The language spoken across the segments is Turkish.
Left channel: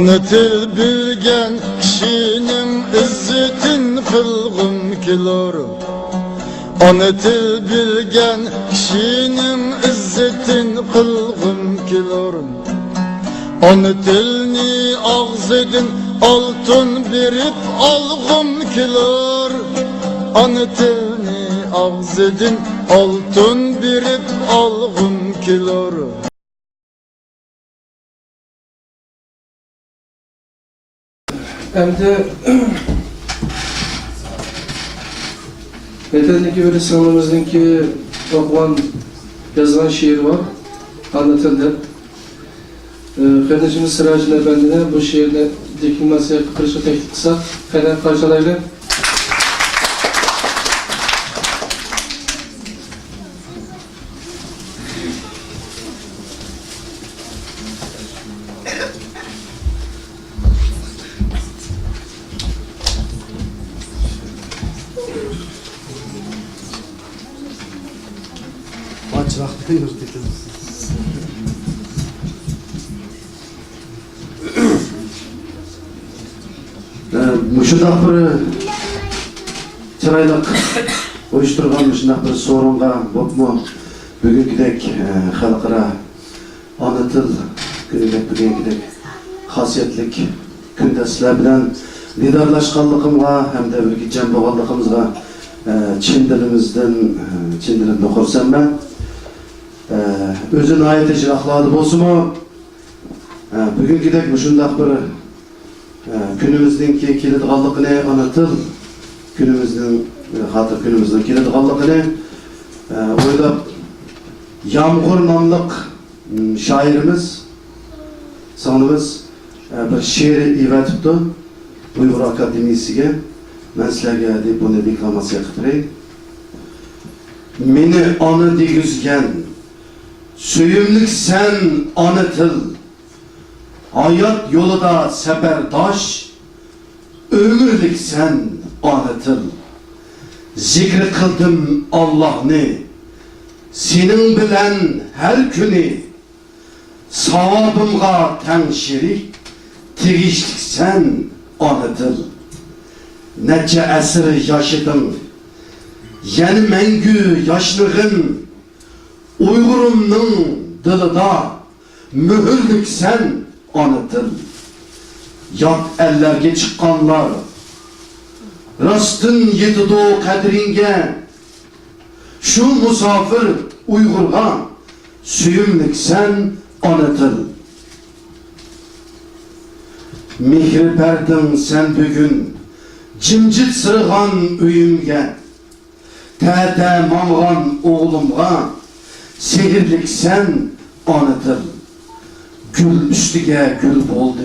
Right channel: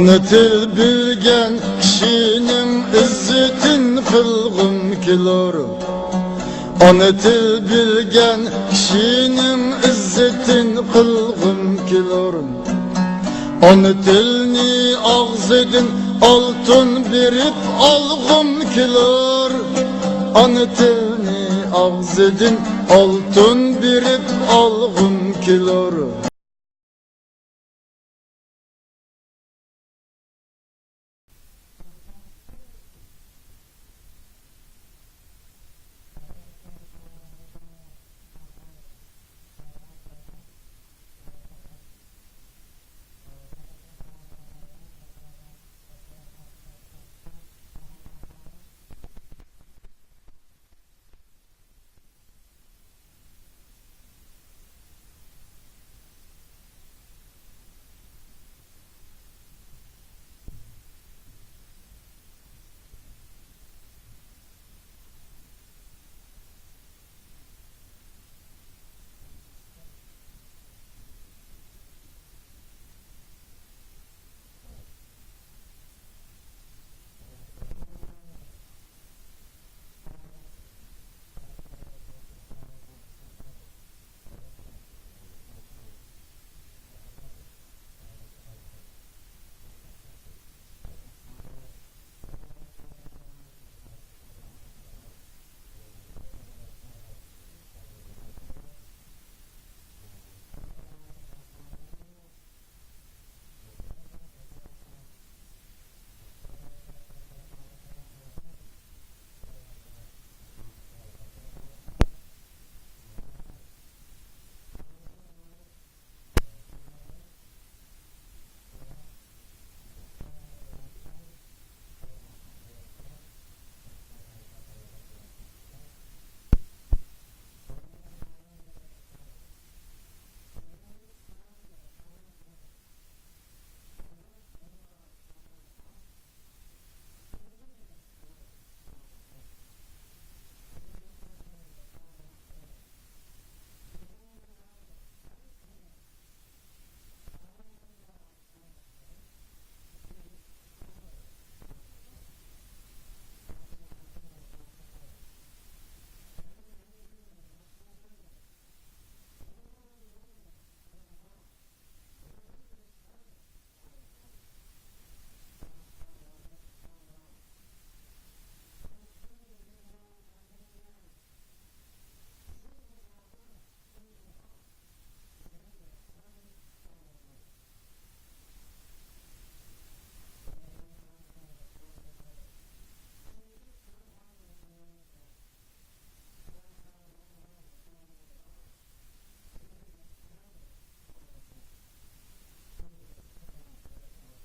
Onu til bilgen kişinin izzetin kılgım kilor. Onu til bilgen kişinin izzetin kılgım kilor. Onu tilni ağzedin altın birip algım kilor. Onu tilni ağzedin altın birip algım kilor. Hem de Meden'deki böyle sınavımızdaki okulan, yazılan şiir var, anlatıldı. Kardeşimiz Sıracın Efendi'ne bu şiirde dikilmesi kırışı teklif kısa, Fener parçalarıyla. Muşundaq bir çıraylık uyuşturgan muşundaq bir sorunga bopmu bugünkidek halkara ana til gününe bugünkidek hasiyetlik günde sizler bilen liderlaşkanlığımga hem de bir cem boğanlığımızga Çin dilimizden okursam ben özün ayeti jirakladı bolsumu bugünkidek muşundaq bir günümüzdeki kilitgallıkını anlatır, günümüzdün kilitgallıkını oylap Yağmur namlık şairimiz, sanımız bir şiiri iva tuttu Uygur Akademisi'ge. Ben sizlerge deyip bunu deklamasiya kıpırayım. Meni anı digüzgen, söyümlük sen anıtıl, hayat yolunda seferdaş, ömürlük sen anıtıl. Zikri kıldım Allah'ını, senin bilen her günü, savabımga ten şerik, tigişlik sen anıtıl. Nece esir yaşadım, yani mengü yaşlığın, Uygurumның dılıda mühürlük sen anıtıl. Yat ellerge çıkanlar, rastın yedi doğu kadringe, şu musafir Uygur'a süyümlük sen anıtıl. Mihri berdin sen bugün, cimcit sırıgan üyümge, tete mamgan oğlumga, sehirlik sen anıtıl. Gül üstüge gül oldu,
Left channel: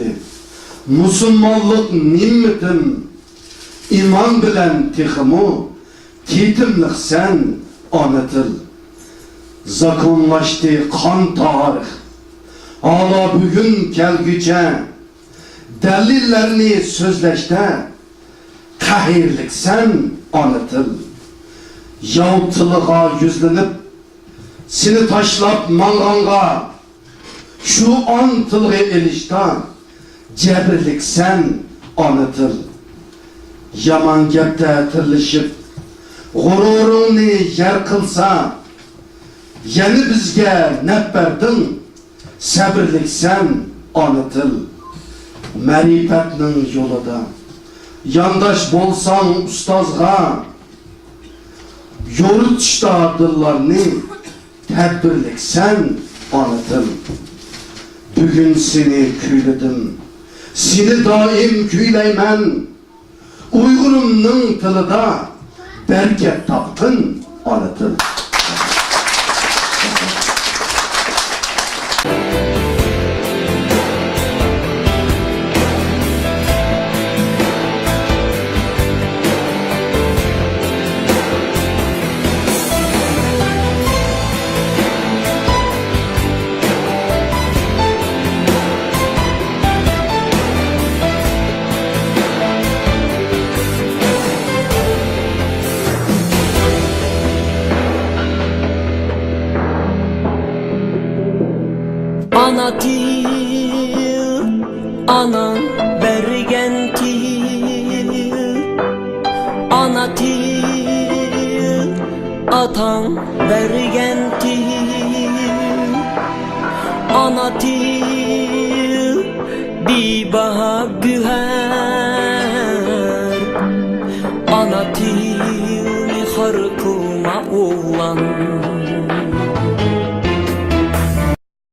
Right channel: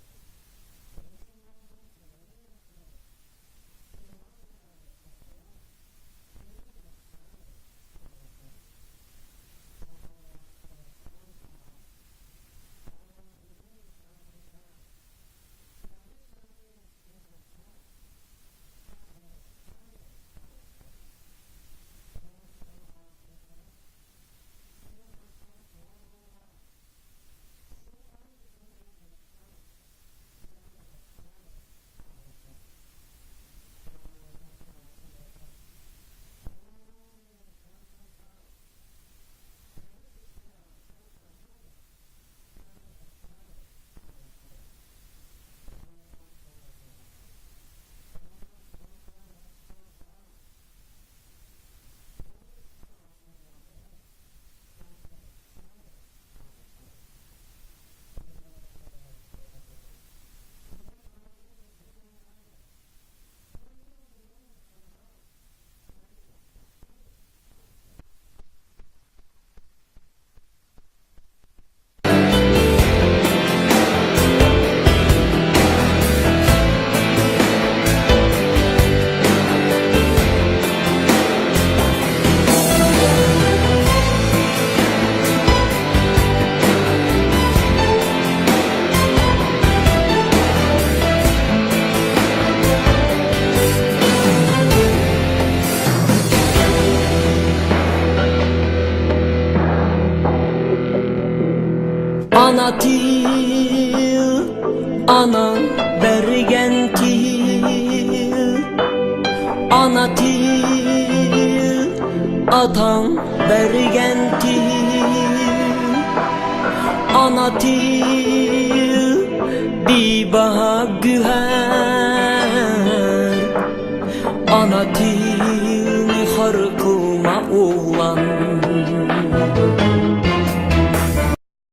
musulmanlık nimmetim, iman bilen tihimu, titimlik sen anıtıl. Zakonlaştı kan tarih, hala bugün gelgüce, delillerini sözleşte, kahirlik sen anıtıl. Yavtılığa yüzlenip, seni taşlap manganga, şu an tılgı elişta, cebirlik sen anıtıl. Yaman gepte tırlışıp, gururunu yer kılsa, yeni bizge nep verdin, sabırlık sen anıtıl. Merifetnin yolunda, yandaş bolsan ustazga, yorutuşta dıllarını, tedbirlik sen anıtıl. Bugün seni küyledim, seni daim küyleymen, Uygurumның tılıda bereket taptın anıtıl. Ana til Anan bergen til, ana til, atan bergen til, ana til, bir baha güher. Ana til, mi harkılma oğlan.